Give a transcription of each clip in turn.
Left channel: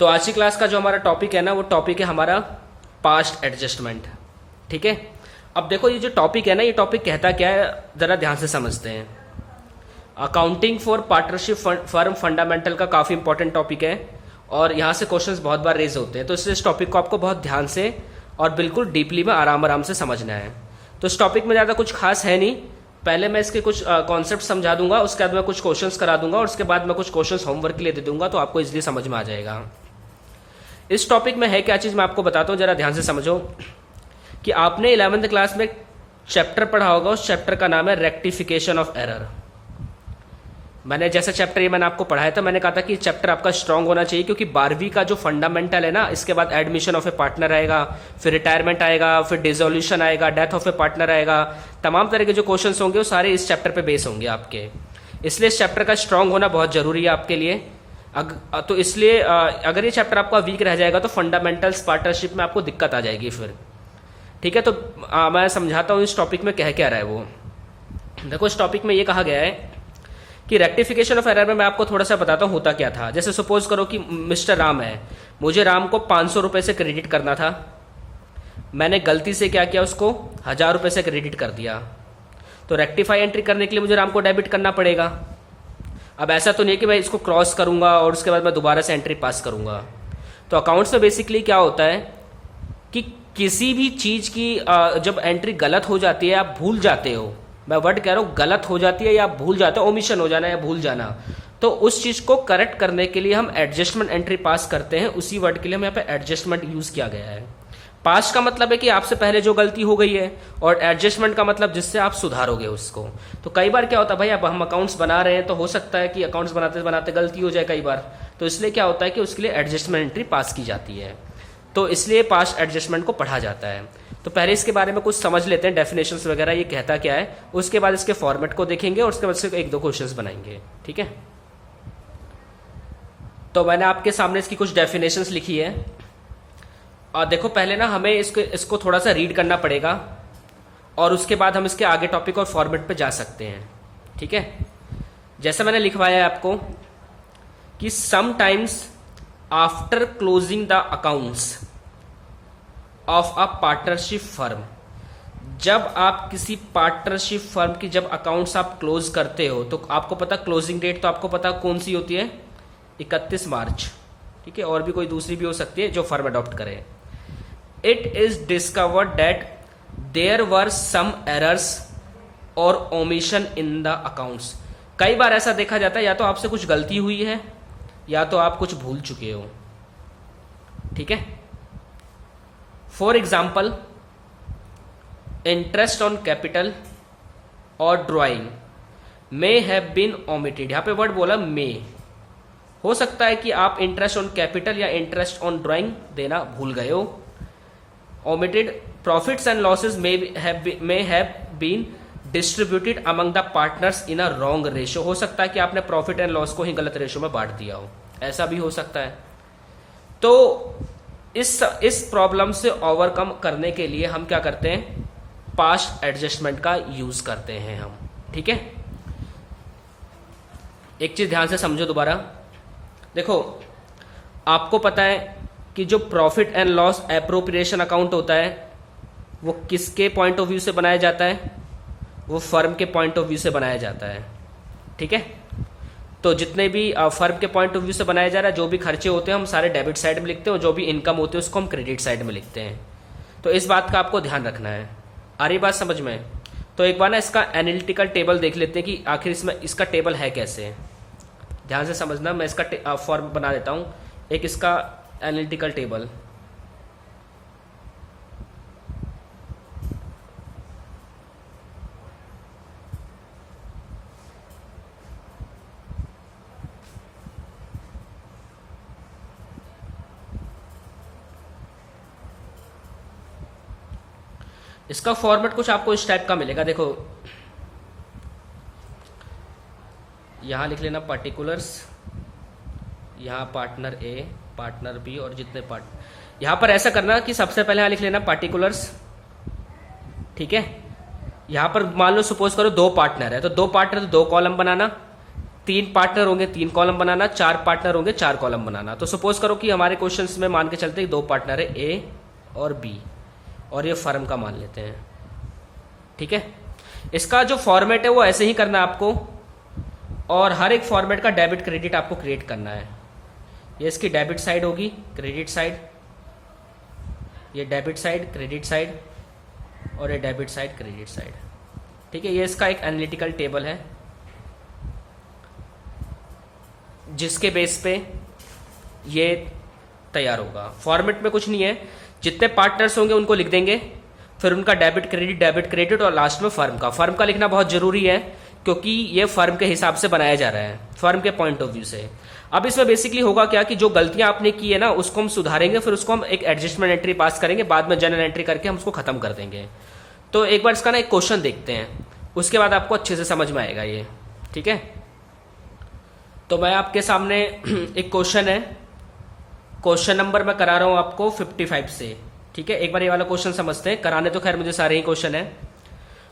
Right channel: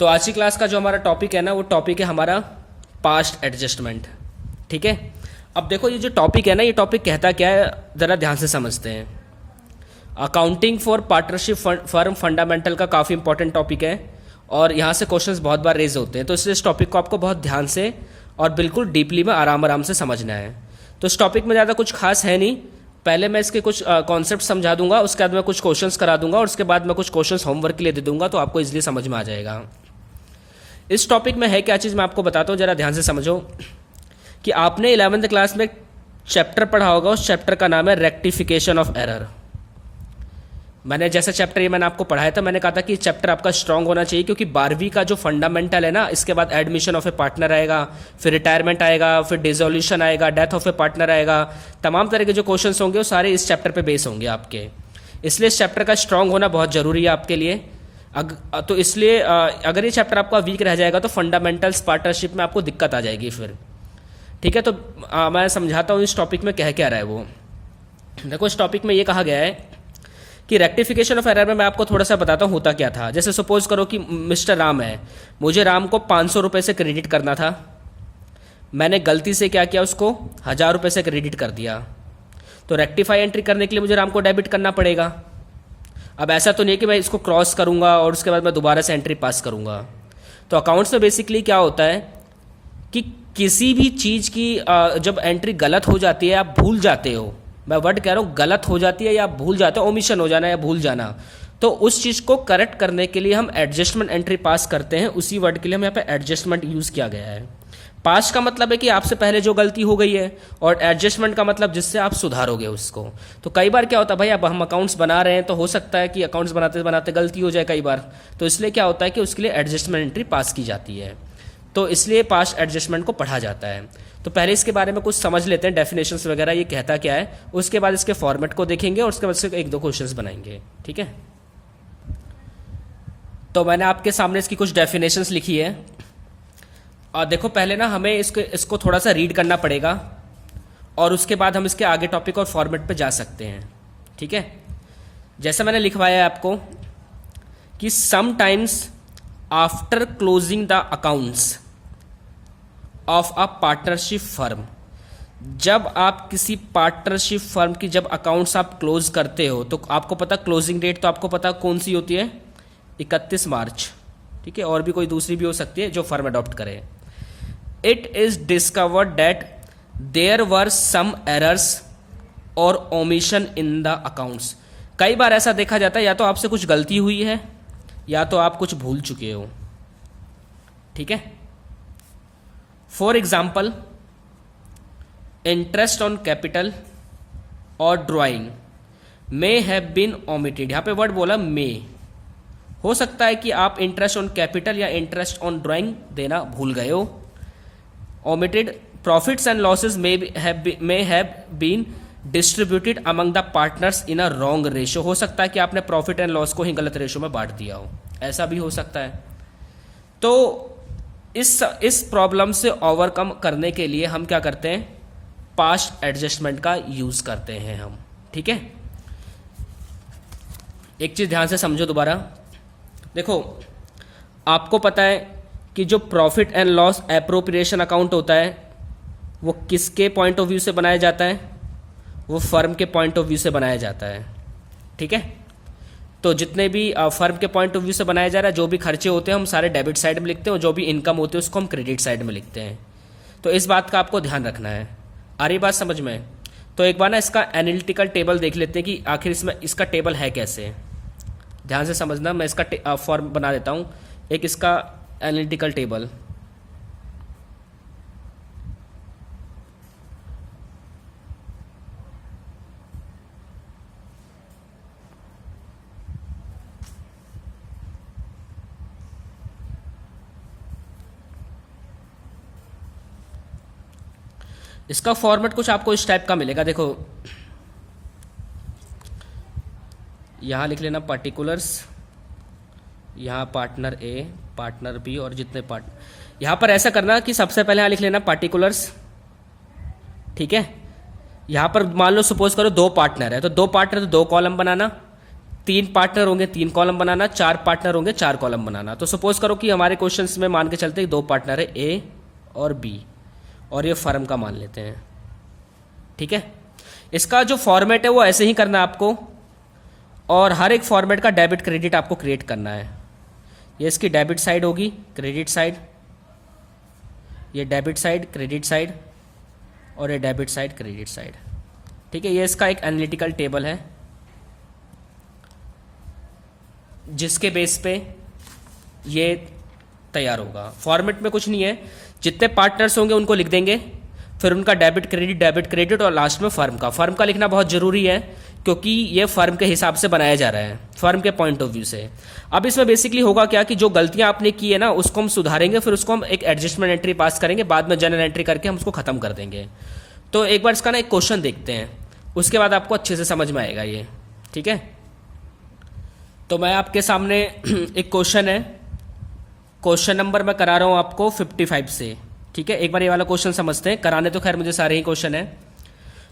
तो आज की क्लास का जो हमारा टॉपिक है ना, वो टॉपिक है हमारा पास्ट एडजस्टमेंट। ठीक है, अब देखो ये जो टॉपिक है ना, ये टॉपिक कहता क्या है, ज़रा ध्यान से समझते हैं। Accounting for partnership firm fundamental का काफ़ी इंपॉर्टेंट टॉपिक है और यहाँ से क्वेश्चंस बहुत बार रेज होते हैं, तो इसलिए इस टॉपिक को आपको बहुत ध्यान से और बिल्कुल डीपली में आराम आराम से समझना है। तो इस टॉपिक में ज़्यादा कुछ खास है नहीं, पहले मैं इसके कुछ कॉन्सेप्ट समझा दूंगा, उसके बाद मैं कुछ क्वेश्चंस करा दूंगा और उसके बाद मैं कुछ क्वेश्चंस होमवर्क के लिए दे दूंगा, तो आपको इजीली समझ में आ जाएगा। इस टॉपिक में है क्या चीज़ मैं आपको बताता हूँ, जरा ध्यान से समझो। कि आपने 11th क्लास में चैप्टर पढ़ा होगा, उस चैप्टर का नाम है रेक्टिफिकेशन ऑफ एरर। मैंने जैसा चैप्टर ये मैंने आपको पढ़ाया था, मैंने कहा था कि चैप्टर आपका स्ट्रांग होना चाहिए, क्योंकि 12वीं का जो फंडामेंटल है ना, इसके बाद एडमिशन ऑफ ए पार्टनर आएगा, फिर रिटायरमेंट आएगा, फिर डिसोल्यूशन आएगा, डेथ ऑफ ए पार्टनर आएगा, तमाम तरह के जो क्वेश्चंस होंगे वो सारे इस चैप्टर पे बेस होंगे आपके। इसलिए इस चैप्टर का स्ट्रांग होना बहुत जरूरी है आपके लिए। तो इसलिए अगर ये चैप्टर आपका वीक रह जाएगा तो फंडामेंटल्स पार्टनरशिप में आपको दिक्कत आ जाएगी फिर। ठीक है, तो मैं समझाता हूँ इस टॉपिक में कह क्या रहा है वो। देखो, इस टॉपिक में ये कहा गया है कि रेक्टिफिकेशन ऑफ एरर में मैं आपको थोड़ा सा बताता हूँ होता क्या था। जैसे सपोज करो कि मिस्टर राम है, मुझे राम को 500 रुपये से क्रेडिट करना था, मैंने गलती से क्या किया, उसको 1000 रुपये से क्रेडिट कर दिया। तो रेक्टिफाई एंट्री करने के लिए मुझे राम को डेबिट करना पड़ेगा। अब ऐसा तो नहीं कि मैं इसको क्रॉस करूंगा और उसके बाद मैं दोबारा से एंट्री पास करूंगा। तो अकाउंट्स में बेसिकली क्या होता है कि किसी भी चीज़ की जब एंट्री गलत हो जाती है, आप भूल जाते हो, मैं वर्ड कह रहा हूँ गलत हो जाती है या आप भूल जाते हो, ओमिशन हो जाना या भूल जाना, तो उस चीज़ को करेक्ट करने के लिए हम एडजस्टमेंट एंट्री पास करते हैं। उसी वर्ड के लिए हम यहाँ पे एडजस्टमेंट यूज़ किया गया है। पास्ट का मतलब है कि आपसे पहले जो गलती हो गई है, और एडजस्टमेंट का मतलब जिससे आप सुधारोगे उसको। तो कई बार क्या होता है भाई, अब हम अकाउंट्स बना रहे हैं तो हो सकता है कि अकाउंट्स बनाते बनाते गलती हो जाए कई बार, तो इसलिए क्या होता है कि उसके लिए एडजस्टमेंट एंट्री पास की जाती है। तो इसलिए पास्ट एडजस्टमेंट को पढ़ा जाता है। तो पहले इसके बारे में कुछ समझ लेते हैं, डेफिनेशंस वगैरह ये कहता क्या है, उसके बाद इसके फॉर्मेट को देखेंगे और उसके बाद से एक दो क्वेश्चंस बनाएंगे। ठीक है, तो मैंने आपके सामने इसकी कुछ डेफिनेशंस लिखी है और देखो, पहले ना हमें इसको थोड़ा सा रीड करना पड़ेगा और उसके बाद हम इसके आगे टॉपिक और फॉर्मेट पे जा सकते हैं। ठीक है, जैसा मैंने लिखवाया है आपको कि sometimes after closing the accounts of a partnership firm, जब आप किसी पार्टनरशिप फर्म की जब अकाउंट्स आप क्लोज करते हो, तो आपको पता क्लोजिंग डेट तो आपको पता कौन सी होती है, 31 मार्च। ठीक है, और भी कोई दूसरी भी हो सकती है जो फर्म अडॉप्ट करे। It is discovered that there were some errors और ओमिशन इन द अकाउंट्स। कई बार ऐसा देखा जाता है, या तो आपसे कुछ गलती हुई है या तो आप कुछ भूल चुके हो। ठीक है, for example interest on capital और drawing may have been omitted. यहां पे वर्ड बोला मे, हो सकता है कि आप इंटरेस्ट ऑन कैपिटल या इंटरेस्ट ऑन ड्राइंग देना भूल गए हो। Omitted profits and losses may have been distributed among the partners in a wrong ratio. हो सकता है कि आपने प्रॉफिट एंड लॉस को ही गलत रेशियो में बांट दिया हो, ऐसा भी हो सकता है। तो इस प्रॉब्लम से ओवरकम करने के लिए हम क्या करते हैं, पास्ट एडजस्टमेंट का यूज करते हैं हम। ठीक है, एक चीज ध्यान से समझो दोबारा। देखो, आपको पता है कि जो profit and loss appropriation account होता है वो किसके पॉइंट ऑफ व्यू से बनाया जाता है, वो फर्म के पॉइंट ऑफ व्यू से बनाया जाता है। ठीक है, तो जितने भी फर्म के पॉइंट ऑफ व्यू से बनाया जा रहा है, जो भी खर्चे होते हैं हम सारे डेबिट साइड में लिखते हैं और जो भी इनकम होती है उसको हम क्रेडिट साइड में लिखते हैं। तो इस बात का आपको ध्यान रखना है। आ रही बात समझ में? तो एक बार ना इसका एनालिटिकल टेबल देख लेते हैं कि आखिर इसमें इसका टेबल है कैसे। ध्यान से समझना, मैं इसका फॉर्म बना देता हूँ, एक इसका एनालिटिकल टेबल। इसका फॉर्मेट कुछ आपको इस टाइप का मिलेगा। देखो, यहां लिख लेना पर्टिकुलर्स, यहां पार्टनर ए, पार्टनर बी और जितने यहां पर ऐसा करना कि सबसे पहले यहां लिख लेना पार्टिकुलर्स। ठीक है, यहां पर मान लो सपोज करो 2 पार्टनर है, तो 2 पार्टनर तो 2 कॉलम बनाना, 3 पार्टनर होंगे 3 कॉलम बनाना, 4 पार्टनर होंगे 4 कॉलम बनाना। तो सपोज करो कि हमारे क्वेश्चंस में मान के चलते हैं 2 पार्टनर है ए और बी, और ये फर्म का मान लेते हैं। ठीक है, इसका जो फॉर्मेट है वो ऐसे ही करना है आपको, और हर एक फॉर्मेट का डेबिट क्रेडिट आपको क्रिएट करना है। ये इसकी डेबिट साइड होगी, क्रेडिट साइड, ये डेबिट साइड क्रेडिट साइड, और ये डेबिट साइड क्रेडिट साइड। ठीक है, ये इसका एक एनालिटिकल टेबल है जिसके बेस पे ये तैयार होगा। फॉर्मेट में कुछ नहीं है, जितने पार्टनर्स होंगे उनको लिख देंगे, फिर उनका डेबिट क्रेडिट और लास्ट में फर्म का लिखना बहुत जरूरी है, क्योंकि ये फर्म के हिसाब से बनाया जा रहा है, फर्म के पॉइंट ऑफ व्यू से। अब इसमें बेसिकली होगा क्या कि जो गलतियां आपने की है ना उसको हम सुधारेंगे, फिर उसको हम एक एडजस्टमेंट एंट्री पास करेंगे, बाद में जनरल एंट्री करके हम उसको खत्म कर देंगे। तो एक बार इसका ना एक क्वेश्चन देखते हैं, उसके बाद आपको अच्छे से समझ में आएगा ये। ठीक है, तो मैं आपके सामने एक क्वेश्चन है, क्वेश्चन नंबर मैं करा रहा हूं आपको 55 से। ठीक है, एक बार ये वाला क्वेश्चन समझते हैं, कराने तो खैर मुझे सारे ही क्वेश्चन है।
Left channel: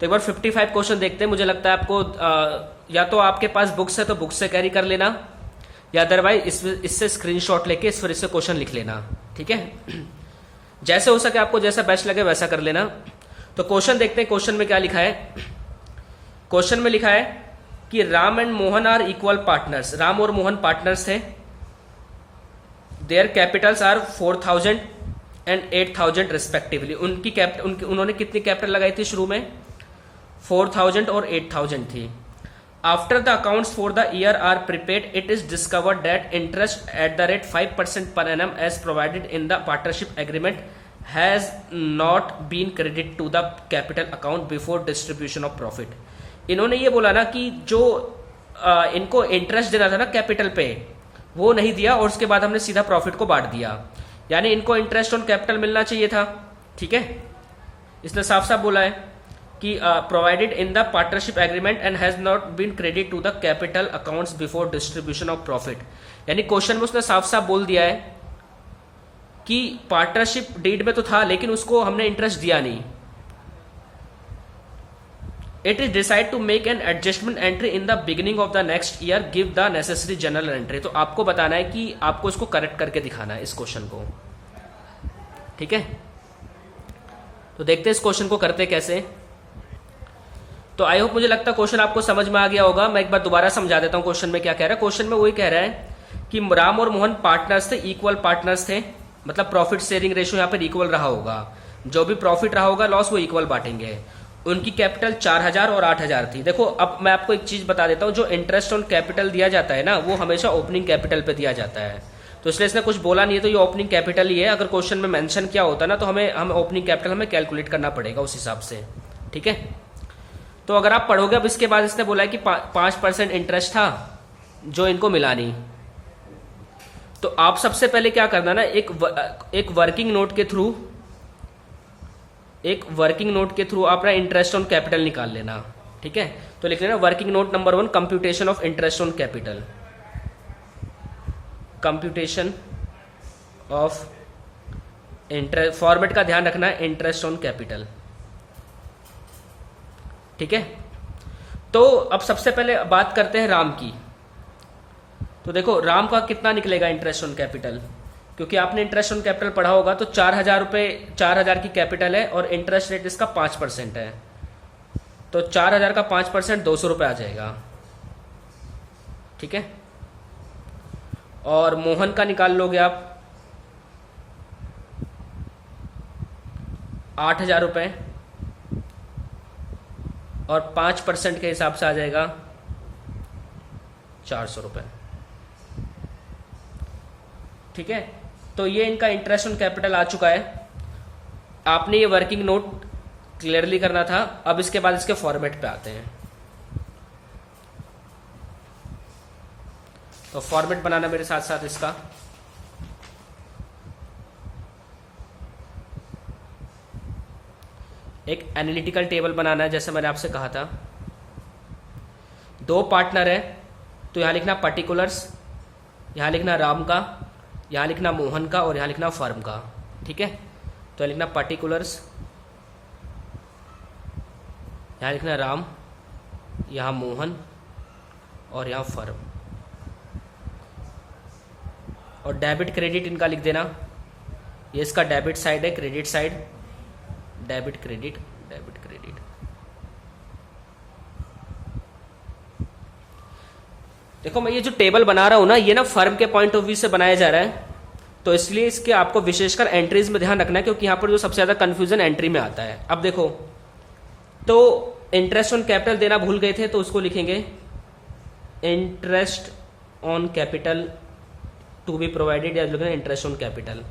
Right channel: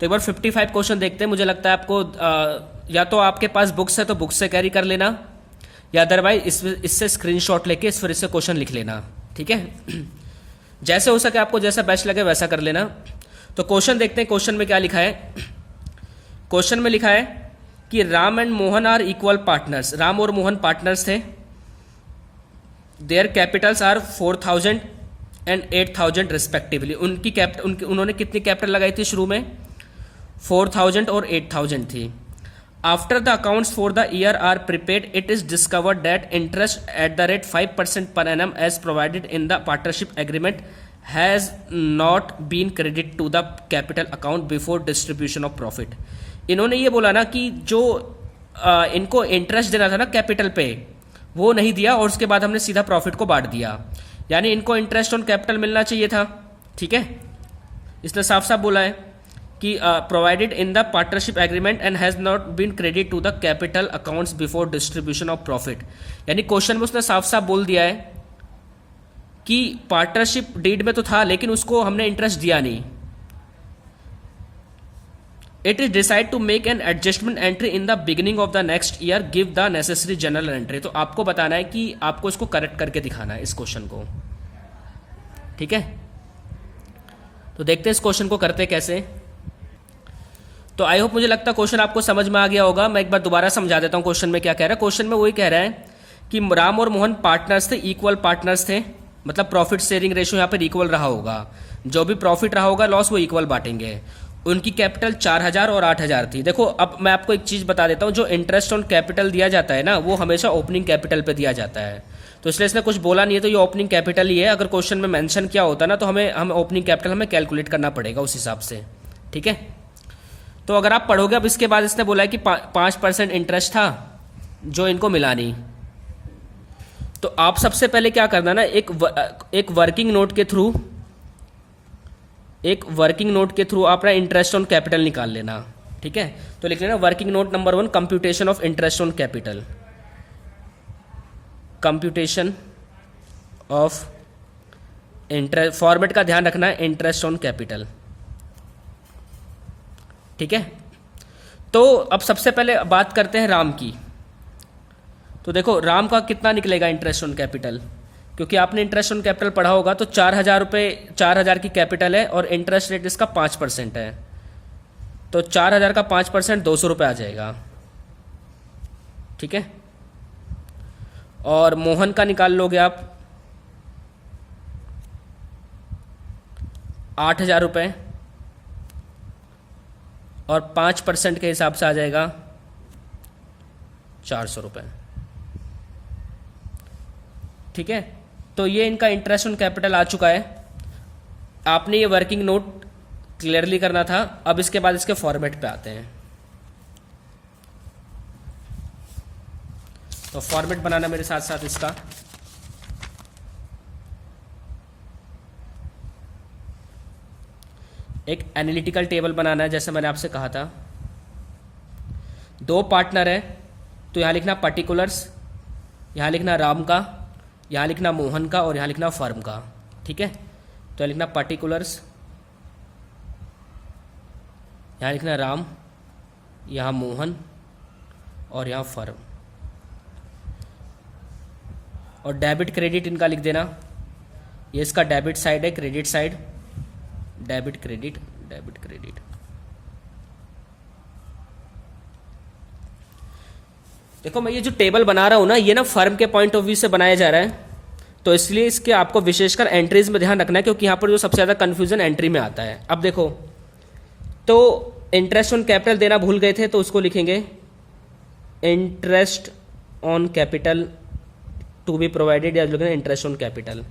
तो एक बार 55 क्वेश्चन देखते हैं। मुझे लगता है आपको या तो आपके पास बुक्स है तो बुक्स से कैरी कर लेना, या अदरवाइज इससे स्क्रीनशॉट लेके फिर इससे क्वेश्चन लिख लेना। ठीक है, जैसे हो सके आपको जैसा बेस्ट लगे वैसा कर लेना। तो क्वेश्चन देखते हैं, क्वेश्चन में क्या लिखा है। क्वेश्चन में लिखा है कि Ram and Mohan are equal partners. Ram और मोहन पार्टनर्स थे। Their capitals are 4000 and 8000 respectively. उन्होंने कितनी कैपिटल लगाई थी शुरू में? 4000 और 8000 थी। After the accounts for the year are prepared, it is discovered that interest at the rate 5% per annum as provided in the partnership agreement has not been credit to the capital account before distribution of profit. इन्होंने ये बोला ना कि जो इनको interest देना था ना कैपिटल पे, वो नहीं दिया, और उसके बाद हमने सीधा प्रॉफिट को बांट दिया। यानी इनको इंटरेस्ट ऑन कैपिटल मिलना चाहिए था। ठीक है, इसने साफ साफ बोला है कि provided in the partnership agreement and has not been credit to the capital accounts before distribution of profit. यानी क्वेश्चन में उसने साफ साफ बोल दिया है कि पार्टनरशिप डीड में तो था लेकिन उसको हमने इंटरेस्ट दिया नहीं। It is decide to make an adjustment entry in the beginning of the next year, give the necessary journal entry. तो आपको बताना है कि आपको इसको करेक्ट करके दिखाना है इस क्वेश्चन को। ठीक है, तो देखते हैं इस क्वेश्चन को करते कैसे। तो आई होप, मुझे लगता है क्वेश्चन आपको समझ में आ गया होगा। मैं एक बार दोबारा समझा देता हूं क्वेश्चन में क्या कह रहा है। क्वेश्चन में वही कह रहा है कि राम और मोहन पार्टनर्स थे, इक्वल पार्टनर्स थे, मतलब प्रॉफिट शेयरिंग रेशियो यहाँ पर इक्वल रहा होगा। जो भी प्रॉफिट रहा होगा लॉस वो इक्वल बांटेंगे। उनकी कैपिटल 4000 और 8000 थी। देखो अब मैं आपको एक चीज बता देता हूं, जो इंटरेस्ट ऑन कैपिटल दिया जाता है ना वो हमेशा ओपनिंग कैपिटल पे दिया जाता है। तो इसलिए इसने कुछ बोला नहीं है, तो ये ओपनिंग कैपिटल ही है। अगर क्वेश्चन में मेंशन किया होता ना तो हमें ओपनिंग कैपिटल हमें कैलकुलेट करना पड़ेगा उस हिसाब से। ठीक है, तो अगर आप पढ़ोगे, अब इसके बाद इसने बोला है कि 5% इंटरेस्ट था जो इनको मिला नहीं। तो आप सबसे पहले क्या करना ना, एक वर्किंग नोट के थ्रू अपना इंटरेस्ट ऑन कैपिटल निकाल लेना। ठीक है, तो लिख लेना working note number 1, computation of interest on capital. Computation of interest, format का ध्यान रखना है, इंटरेस्ट ऑन कैपिटल। ठीक है, तो अब सबसे पहले बात करते हैं राम की। तो देखो राम का कितना निकलेगा इंटरेस्ट ऑन कैपिटल, क्योंकि आपने इंटरेस्ट ऑन कैपिटल पढ़ा होगा। तो 4000 की कैपिटल है और इंटरेस्ट रेट इसका 5% है। तो 4000 का 5% 200 रुपये आ जाएगा। ठीक है, और मोहन का निकाल लोगे आप 8000 रुपये, और 5% के हिसाब से आ जाएगा 400 रुपये। ठीक है, तो ये इनका इंटरेस्ट ऑन कैपिटल आ चुका है। आपने ये वर्किंग नोट क्लियरली करना था। अब इसके बाद इसके फॉर्मेट पे आते हैं। तो फॉर्मेट बनाना मेरे साथ साथ इसका। एक एनालिटिकल टेबल बनाना है, जैसे मैंने आपसे कहा था। 2 पार्टनर है तो यहां लिखना पर्टिकुलर्स, यहां लिखना राम का, यहां लिखना मोहन का, और यहां लिखना फर्म का। ठीक है, तो लिखना पर्टिकुलर्स, यहां लिखना राम, यहां मोहन, और यहाँ फर्म, और डेबिट क्रेडिट इनका लिख देना। ये इसका डेबिट साइड है, credit side, debit credit, debit credit. देखो मैं ये जो टेबल बना रहा हूं ना, ये ना फर्म के पॉइंट ऑफ व्यू से बनाया जा रहा है, तो इसलिए इसके आपको विशेषकर एंट्रीज में ध्यान रखना है, क्योंकि यहां पर जो सबसे ज्यादा कंफ्यूजन एंट्री में आता है। अब देखो, तो इंटरेस्ट ऑन कैपिटल देना भूल गए थे, तो उसको लिखेंगे interest on capital to be provided, या लिखेंगे इंटरेस्ट ऑन कैपिटल।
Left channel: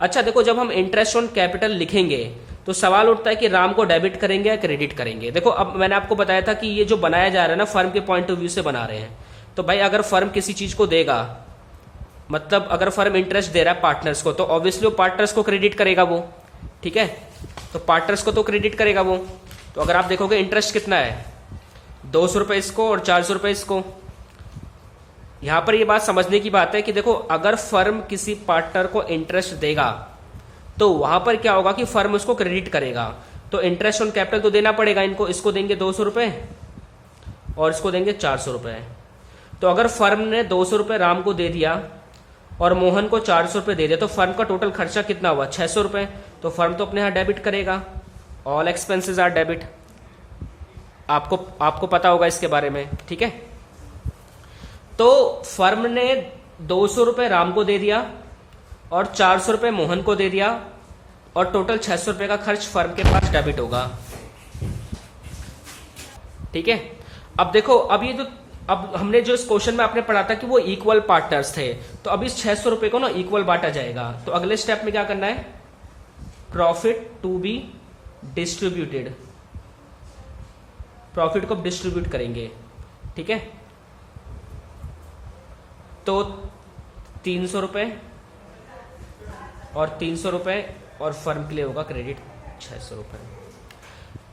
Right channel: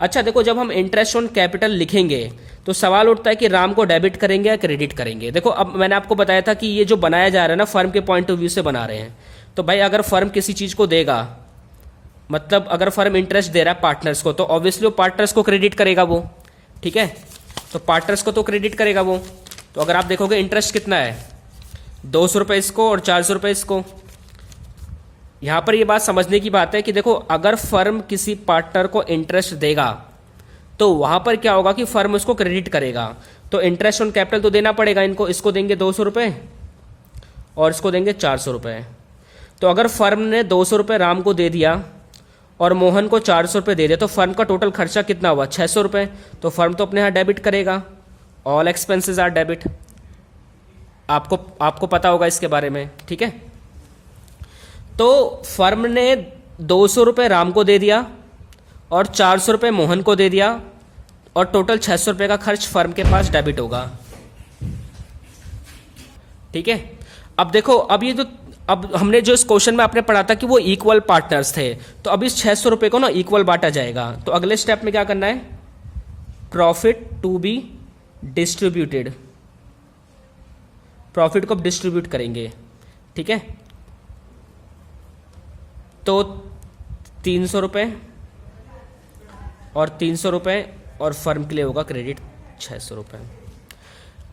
अच्छा देखो, जब हम इंटरेस्ट ऑन कैपिटल लिखेंगे तो सवाल उठता है कि राम को डेबिट करेंगे या क्रेडिट करेंगे। देखो अब मैंने आपको बताया था कि ये जो बनाया जा रहा है ना, फर्म के पॉइंट ऑफ व्यू से बना रहे हैं। तो भाई अगर फर्म किसी चीज को देगा, मतलब अगर फर्म इंटरेस्ट दे रहा है पार्टनर्स को, तो ऑब्वियसली वो पार्टनर्स को क्रेडिट करेगा वो, ठीक है। तो पार्टनर्स को तो क्रेडिट करेगा वो। तो अगर आप देखोगे इंटरेस्ट कितना है, 200 रुपये इसको और 400 रुपये इसको। यहां पर ये बात समझने की बात है कि देखो, अगर फर्म किसी पार्टनर को इंटरेस्ट देगा तो वहां पर क्या होगा कि फर्म उसको क्रेडिट करेगा। तो इंटरेस्ट ऑन कैपिटल तो देना पड़ेगा इनको, इसको देंगे 200 रुपये और इसको देंगे 400 रुपये। तो अगर फर्म ने 200 रुपये राम को दे दिया और मोहन को 400 रुपये दे दिया, तो फर्म का टोटल खर्चा कितना हुआ, 600 रुपये। तो फर्म तो अपने यहां डेबिट करेगा, ऑल एक्सपेंसेस आर डेबिट। आपको पता होगा इसके बारे में, ठीक है। तो फर्म ने 200 रुपये राम को दे दिया और 400 रुपये मोहन को दे दिया, और टोटल 600 रुपये का खर्च फर्म के पास डेबिट होगा, ठीक है। अब देखो, अब हमने जो इस क्वेश्चन में आपने पढ़ा था कि वो इक्वल पार्टनर्स थे, तो अब इस 600 रुपये को ना इक्वल बांटा जाएगा। तो अगले स्टेप में क्या करना है, profit to be distributed, profit को डिस्ट्रीब्यूट करेंगे, ठीक है। तो 300 रुपये और 300 रुपये, और फर्म के लिए होगा क्रेडिट 600 रुपये।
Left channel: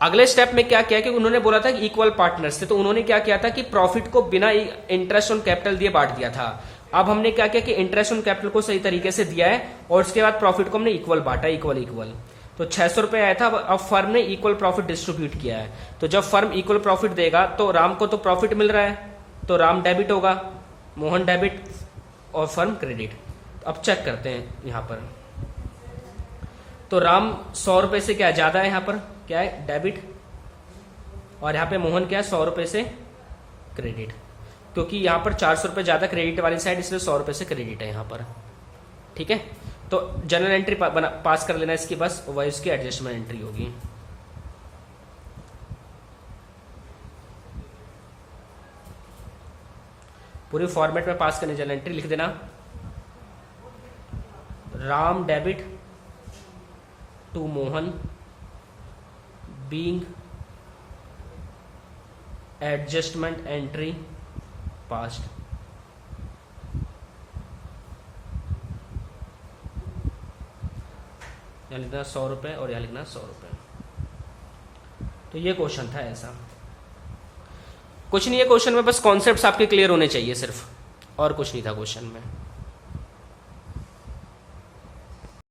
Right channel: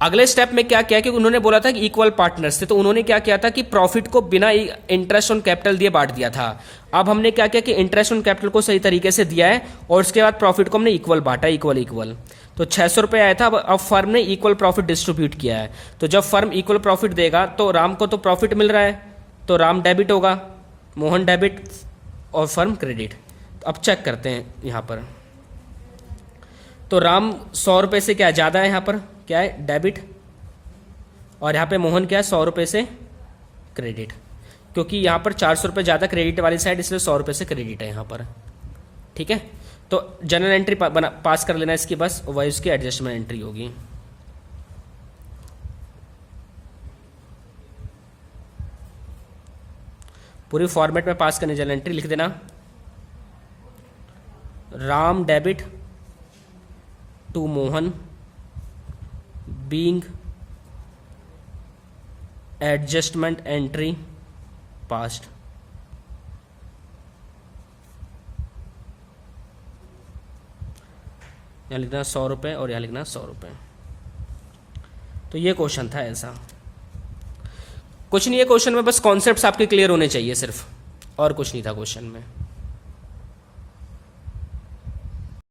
अगले स्टेप में क्या किया कि उन्होंने बोला था कि इक्वल पार्टनर्स थे, तो उन्होंने क्या किया था कि प्रॉफिट को बिना इंटरेस्ट ऑन कैपिटल दिए बांट दिया था। अब हमने क्या किया कि इंटरेस्ट ऑन कैपिटल को सही तरीके से दिया है, और उसके बाद प्रॉफिट को हमने इक्वल बांटा, इक्वल। तो 600 रुपये आया था, अब फर्म ने इक्वल प्रॉफिट डिस्ट्रीब्यूट किया है। तो जब फर्म इक्वल प्रॉफिट देगा तो राम को तो प्रॉफिट मिल रहा है, तो राम डेबिट होगा, मोहन डेबिट और फर्म क्रेडिट। अब चेक करते हैं यहां पर, तो राम 100 रुपये से क्या ज्यादा है, यहां पर क्या है डेबिट, और यहां पे मोहन क्या है 100 रुपये से क्रेडिट, क्योंकि यहां पर 400 रुपये ज्यादा क्रेडिट वाली साइड, इसलिए 100 रुपये से क्रेडिट है यहां पर, ठीक है। तो जनरल एंट्री पास कर लेना इसकी, बस वही उसकी एडजस्टमेंट एंट्री होगी। पूरी फॉर्मेट में पास करने जनरल एंट्री लिख देना, Ram debit to Mohan being adjustment entry passed. यहाँ लिखना 100 रुपये और यहाँ लिखना 100 रुपये। तो ये क्वेश्चन था ऐसा, कुछ नहीं है क्वेश्चन में, बस कॉन्सेप्ट्स आपके क्लियर होने चाहिए सिर्फ, और कुछ नहीं था क्वेश्चन में।